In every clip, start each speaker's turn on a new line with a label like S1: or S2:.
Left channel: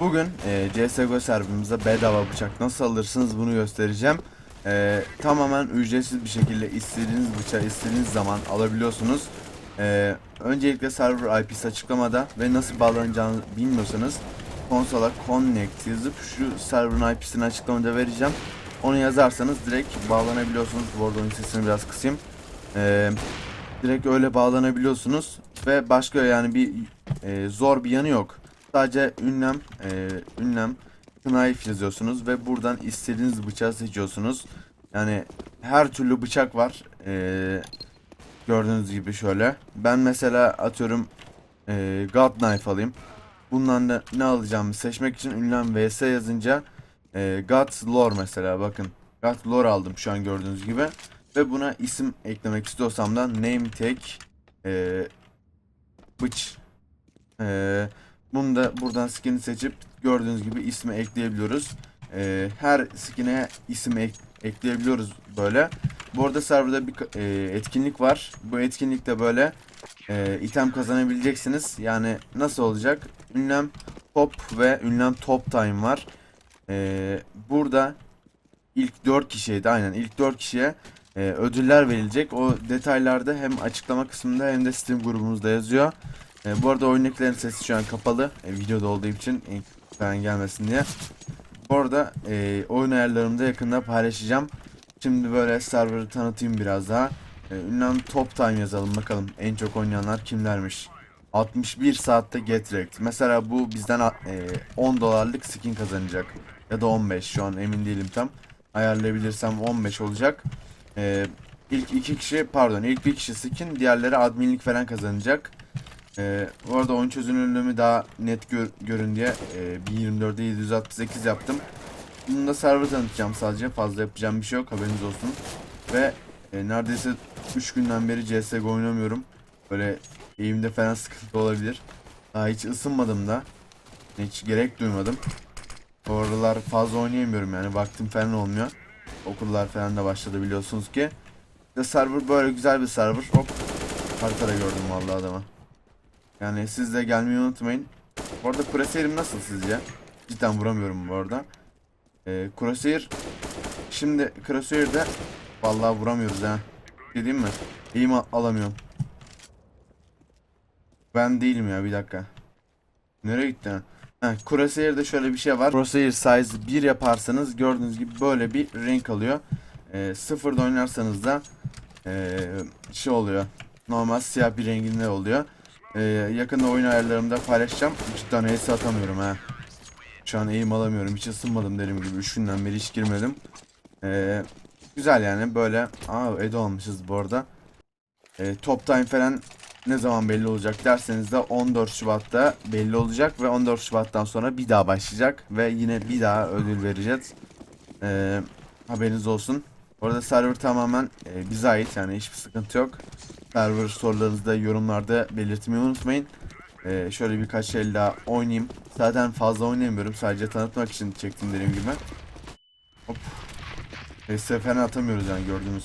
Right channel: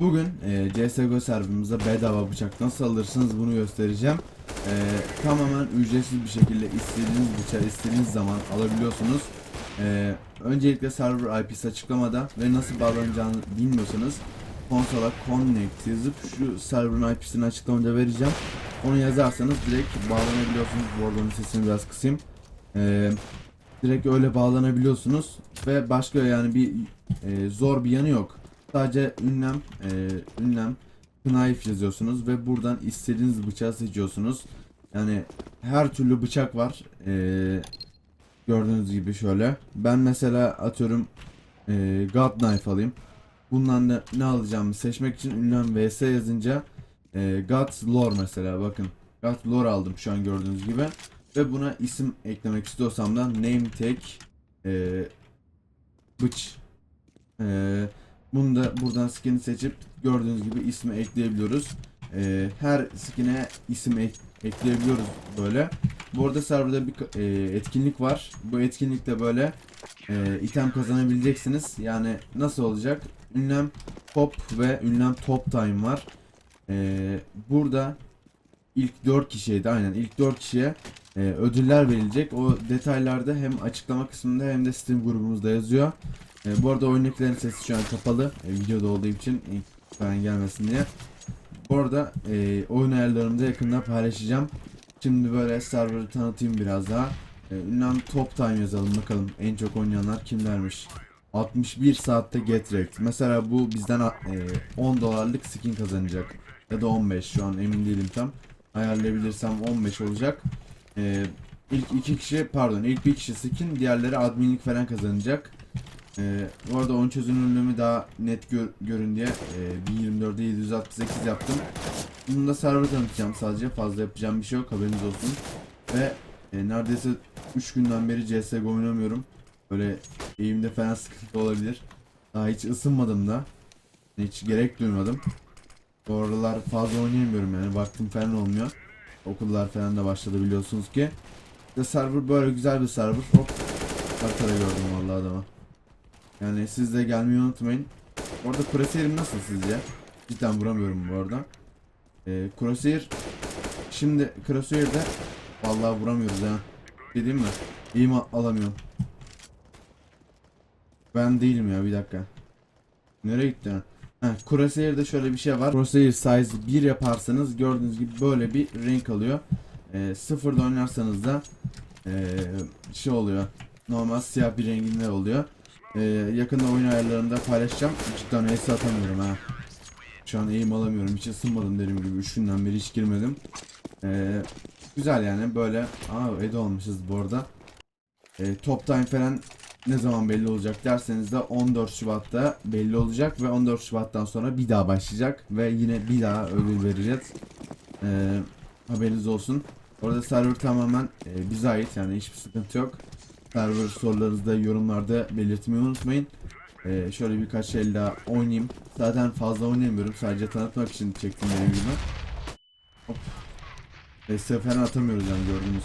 S1: Bugün e, CSGO serverımıza bedava bıçak nasıl alırsınız bunu göstereceğim. E, tamamen ücretsiz bir şekilde istediğiniz bıçağı istediğiniz zaman alabiliyorsunuz. E, öncelikle server IP'si açıklamada ve nasıl bağlanacağını bilmiyorsanız konsola connect yazıp şu server'ın IP'sini açıklamada vereceğim. Onu yazarsanız direkt bağlanabiliyorsunuz. Bu arada sesini biraz kısayım. E, direkt öyle bağlanabiliyorsunuz ve başka yani bir e, zor bir yanı yok. Sadece ünlem, e, ünlem, knife yazıyorsunuz ve buradan istediğiniz bıçağı seçiyorsunuz. Yani her türlü bıçak var. E, gördüğünüz gibi şöyle. Ben mesela atıyorum e, God Knife alayım. Bundan da ne alacağımı seçmek için ünlem vs yazınca e, God Lore mesela bakın. God Lore aldım şu an gördüğünüz gibi. Ve buna isim eklemek istiyorsam da name tag e, bıç e, bunu da buradan skin'i seçip gördüğünüz gibi ismi ekleyebiliyoruz. E, her skin'e isim ek- ekleyebiliyoruz böyle. Bu arada serverda bir e, etkinlik var. Bu etkinlikte böyle e, item kazanabileceksiniz. Yani nasıl olacak? Ünlem top ve ünlem top time var. E, burada ilk 4 kişiye de aynen ilk 4 kişiye e, ödüller verilecek. O detaylarda hem açıklama kısmında hem de Steam grubumuzda yazıyor. E, bu arada oyundakilerin sesi şu an kapalı. E, videoda olduğu için ilk falan gelmesin diye. Bu arada e, oyun ayarlarımı da yakında paylaşacağım. Şimdi böyle server'ı tanıtayım biraz daha. E, ünlem top time yazalım bakalım en çok oynayanlar kimlermiş. 61 saatte get wrecked. Mesela bu bizden e, 10 dolarlık skin kazanacak. Ya da 15 şu an emin değilim tam. Ayarlayabilirsem 15 olacak. E, ilk iki kişi pardon ilk bir kişi skin diğerleri adminlik falan kazanacak. Ee, bu arada oyun çözünürlüğümü daha net gör, görün diye e, 1024'de 768 yaptım. Bunu da server tanıtacağım sadece. Fazla yapacağım bir şey yok haberiniz olsun. Ve e, neredeyse 3 günden beri CSGO oynamıyorum. Böyle eğimde falan sıkıntı olabilir. Daha hiç ısınmadım da. Hiç gerek duymadım. Bu aralar fazla oynayamıyorum yani. Vaktim falan olmuyor. Okullar falan da başladı biliyorsunuz ki. İşte server böyle güzel bir server. Hop. Haritada gördüm vallahi adamı. Yani siz de gelmeyi unutmayın. Bu arada nasıl sizce? Cidden vuramıyorum bu arada. Ee, Crosshair şimdi Crosshair'de vallahi vuramıyoruz ha. Şey diyeyim mi? Al- alamıyorum. Ben değilim ya bir dakika. Nereye gitti Ha, Crosshair'de şöyle bir şey var. Crosshair size 1 yaparsanız gördüğünüz gibi böyle bir renk alıyor. Ee, sıfırda oynarsanız da ee, şey oluyor. Normal siyah bir renginde oluyor. Ee, yakında oyun ayarlarımda paylaşacağım. Cidden ace atamıyorum ha. Şu an aim alamıyorum. Hiç ısınmadım derim gibi. 3 günden beri hiç girmedim. Ee, güzel yani böyle. Aa Edo almışız bu arada. Ee, top time falan ne zaman belli olacak derseniz de 14 Şubat'ta belli olacak ve 14 Şubat'tan sonra bir daha başlayacak ve yine bir daha ödül vereceğiz. Ee, haberiniz olsun. Orada server tamamen e, bize ait yani hiçbir sıkıntı yok. Server sorularınızı da yorumlarda belirtmeyi unutmayın. Ee, şöyle birkaç el daha oynayayım. Zaten fazla oynayamıyorum. Sadece tanıtmak için çektim benim gibi. Hop. E, atamıyoruz yani gördüğünüz.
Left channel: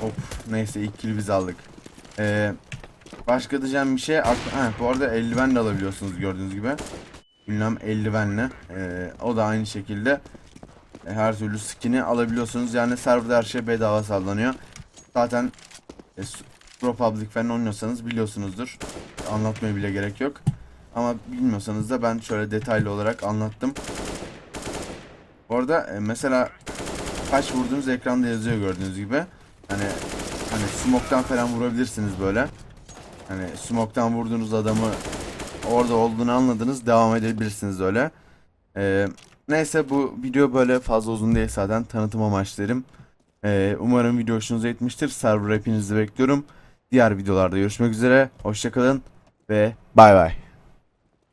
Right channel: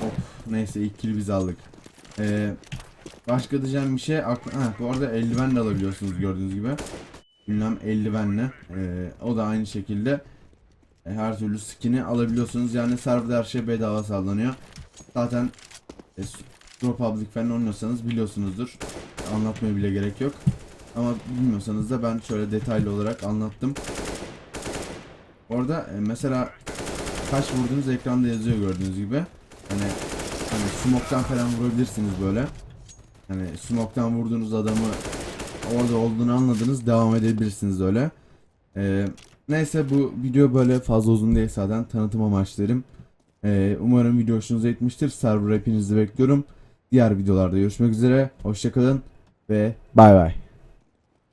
S1: Hop. Neyse ilk kill biz aldık. Ee, başka diyeceğim bir şey. Ha, bu arada eldiven de alabiliyorsunuz gördüğünüz gibi. Ünlem eldivenle. Ee, o da aynı şekilde e, her türlü skin'i alabiliyorsunuz. Yani serverda her şey bedava sağlanıyor. Zaten e, Pro Public falan oynuyorsanız biliyorsunuzdur. Anlatmaya bile gerek yok. Ama bilmiyorsanız da ben şöyle detaylı olarak anlattım. Orada e, mesela kaç vurduğunuz ekranda yazıyor gördüğünüz gibi. Hani hani smoke'tan falan vurabilirsiniz böyle. Hani smoke'tan vurduğunuz adamı orada olduğunu anladınız devam edebilirsiniz öyle. Ee, neyse bu video böyle fazla uzun değil zaten tanıtım amaçlarım. Ee, umarım video hoşunuza gitmiştir. Server hepinizi bekliyorum. Diğer videolarda görüşmek üzere. Hoşçakalın ve bay bay.